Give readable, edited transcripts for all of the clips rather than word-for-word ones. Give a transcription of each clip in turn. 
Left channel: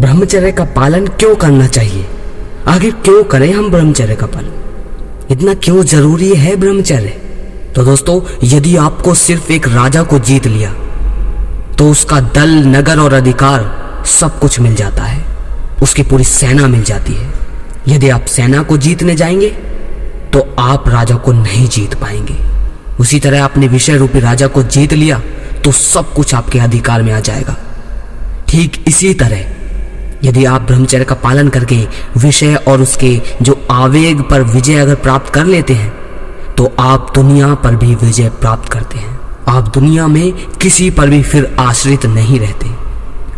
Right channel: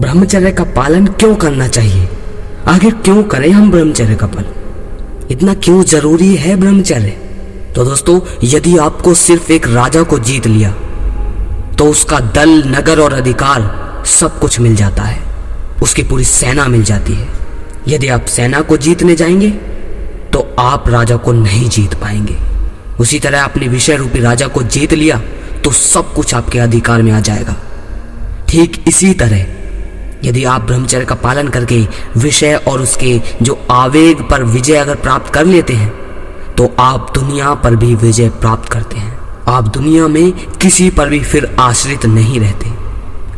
ब्रह्मचर्य का पालन क्यों करना चाहिए? आखिर क्यों करें हम ब्रह्मचर्य का पालन? इतना क्यों जरूरी है ब्रह्मचर्य? तो दोस्तों, यदि आपको सिर्फ एक राजा को जीत लिया तो उसका दल, नगर और अधिकार सब कुछ मिल जाता है, उसकी पूरी सेना मिल जाती है। यदि आप सेना को जीतने जाएंगे तो आप राजा को नहीं जीत पाएंगे। उसी तरह आपने विषय रूपी राजा को जीत लिया तो सब कुछ आपके अधिकार में आ जाएगा। ठीक इसी तरह यदि आप ब्रह्मचर्य का पालन करके विषय और उसके जो आवेग पर विजय अगर प्राप्त कर लेते हैं तो आप दुनिया पर भी विजय प्राप्त करते हैं। आप दुनिया में किसी पर भी फिर आश्रित नहीं रहते।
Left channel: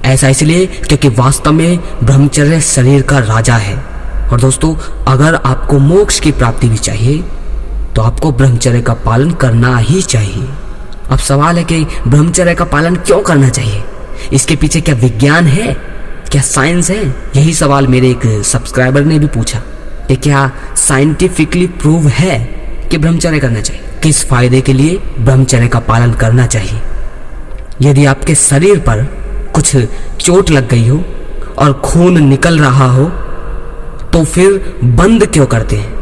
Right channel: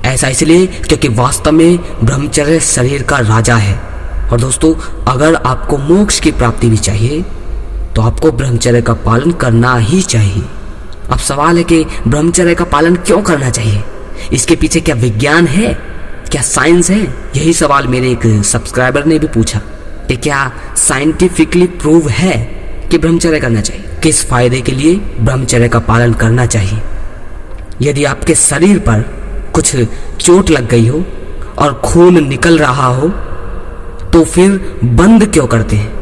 ऐसा इसलिए क्योंकि वास्तव में ब्रह्मचर्य शरीर का राजा है। और दोस्तों, अगर आपको मोक्ष की प्राप्ति भी चाहिए तो आपको ब्रह्मचर्य का पालन करना ही चाहिए। अब सवाल है कि ब्रह्मचर्य का पालन क्यों करना चाहिए? इसके पीछे क्या विज्ञान है, क्या साइंस है? यही सवाल मेरे एक सब्सक्राइबर ने भी पूछा कि क्या साइंटिफिकली प्रूव है कि ब्रह्मचर्य करना चाहिए? किस फायदे के लिए ब्रह्मचर्य का पालन करना चाहिए? यदि आपके शरीर पर कुछ चोट लग गई हो और खून निकल रहा हो तो फिर बंद क्यों करते हैं?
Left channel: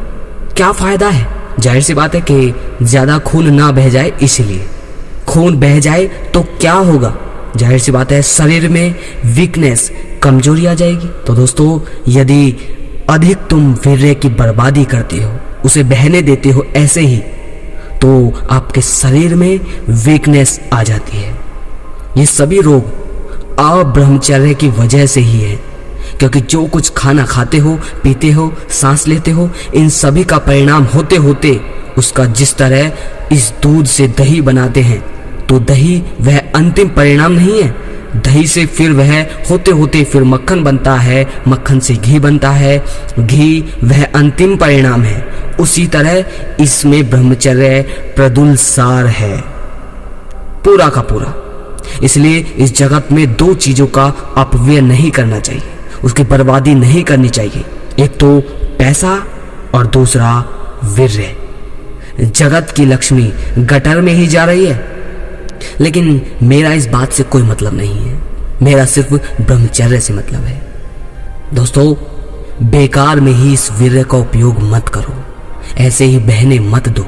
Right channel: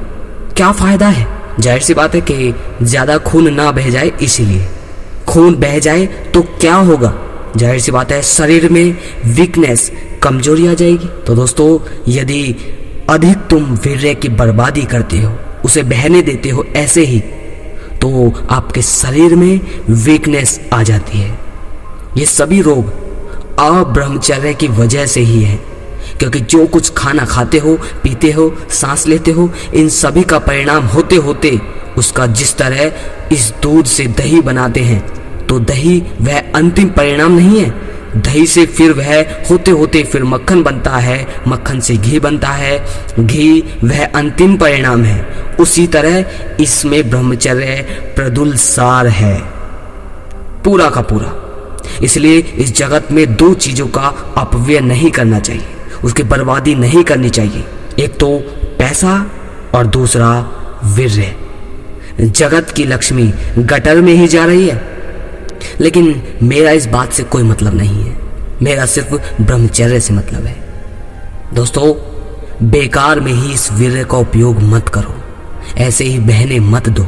क्या फायदा है? जाहिर सी बात है कि ज्यादा खून ना बह जाए, इसीलिए। खून बह जाए तो क्या होगा? जाहिर सी बात है शरीर में वीकनेस, कमजोरी आ जाएगी। तो दोस्तों, यदि अधिक तुम वीर्य की बर्बादी करते हो, उसे बहने देते हो ऐसे ही, तो आपके शरीर में वीकनेस आ जाती है। ये सभी रोग अब्रह्मचर्य की वजह से ही है, क्योंकि जो कुछ खाना खाते हो, पीते हो, सांस लेते हो, इन सभी का परिणाम होते होते उसका जिस तरह इस दूध से दही बनाते हैं तो दही वह अंतिम परिणाम नहीं है। दही से फिर वह होते होते फिर मक्खन बनता है, मक्खन से घी बनता है, घी वह अंतिम परिणाम है। उसी तरह इसमें ब्रह्मचर्य प्रदुलसार है, पूरा का पूरा। इसलिए इस जगत में दो चीजों का अपव्यय नहीं करना चाहिए, उसकी बर्बादी नहीं करनी चाहिए। एक तो पैसा और दूसरा वीर्य। जगत की लक्ष्मी गटर में ही जा रही है, लेकिन मेरा इस बात से कोई मतलब नहीं है। मेरा सिर्फ ब्रह्मचर्य से मतलब है। दोस्तों, बेकार में ही इस वीर्य का उपयोग मत करो, ऐसे ही बहने मत दो।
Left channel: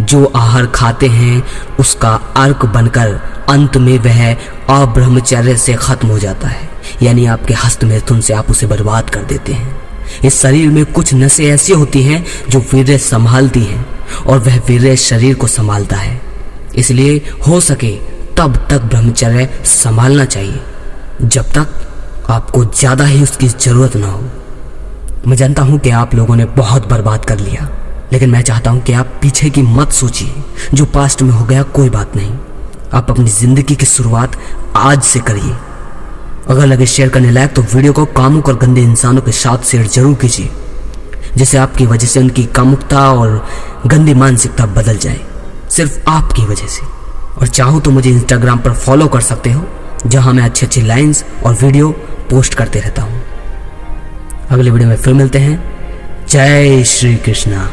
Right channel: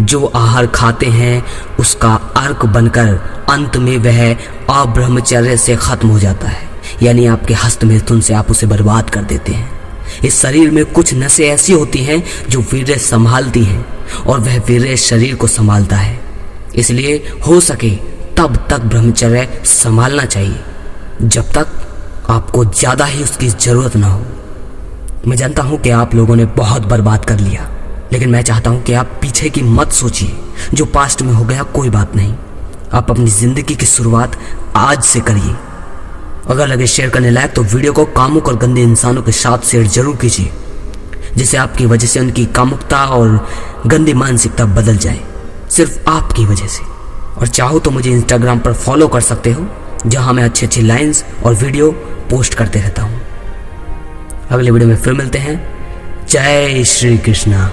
जो आहार खाते हैं उसका अर्क बनकर अंत में वह अब्रह्मचर्य से खत्म हो जाता है, यानी आपके हस्त मैथुन से आप उसे बर्बाद कर देते हैं। इस शरीर में कुछ नसें ऐसी होती हैं जो वीर्य संभालती हैं और वह वीर्य शरीर को संभालता है। इसलिए हो सके तब तक ब्रह्मचर्य संभालना चाहिए जब तक आपको ज्यादा ही उसकी जरूरत ना हो। मैं जानता हूं कि आप लोगों ने बहुत बर्बाद कर लिया, लेकिन मैं चाहता हूं कि आप पीछे की मत सोचिए। जो पास्ट में हो गया कोई बात नहीं, आप अपनी जिंदगी की शुरुआत आज से करिए। अगर लगे शेयर करने लायक तो वीडियो को कामुक और गंदे इंसानों के साथ शेयर जरूर कीजिए, जिससे आपकी वजह से उनकी कामुकता और गंदी मानसिकता बदल जाए, सिर्फ आपकी वजह से। और चाहो तो मुझे इंस्टाग्राम पर फॉलो कर सकते हो, जहां मैं अच्छी अच्छी लाइंस और वीडियो पोस्ट करते रहता हूं। अगले वीडियो में फिर मिलते हैं। जय श्री कृष्णा।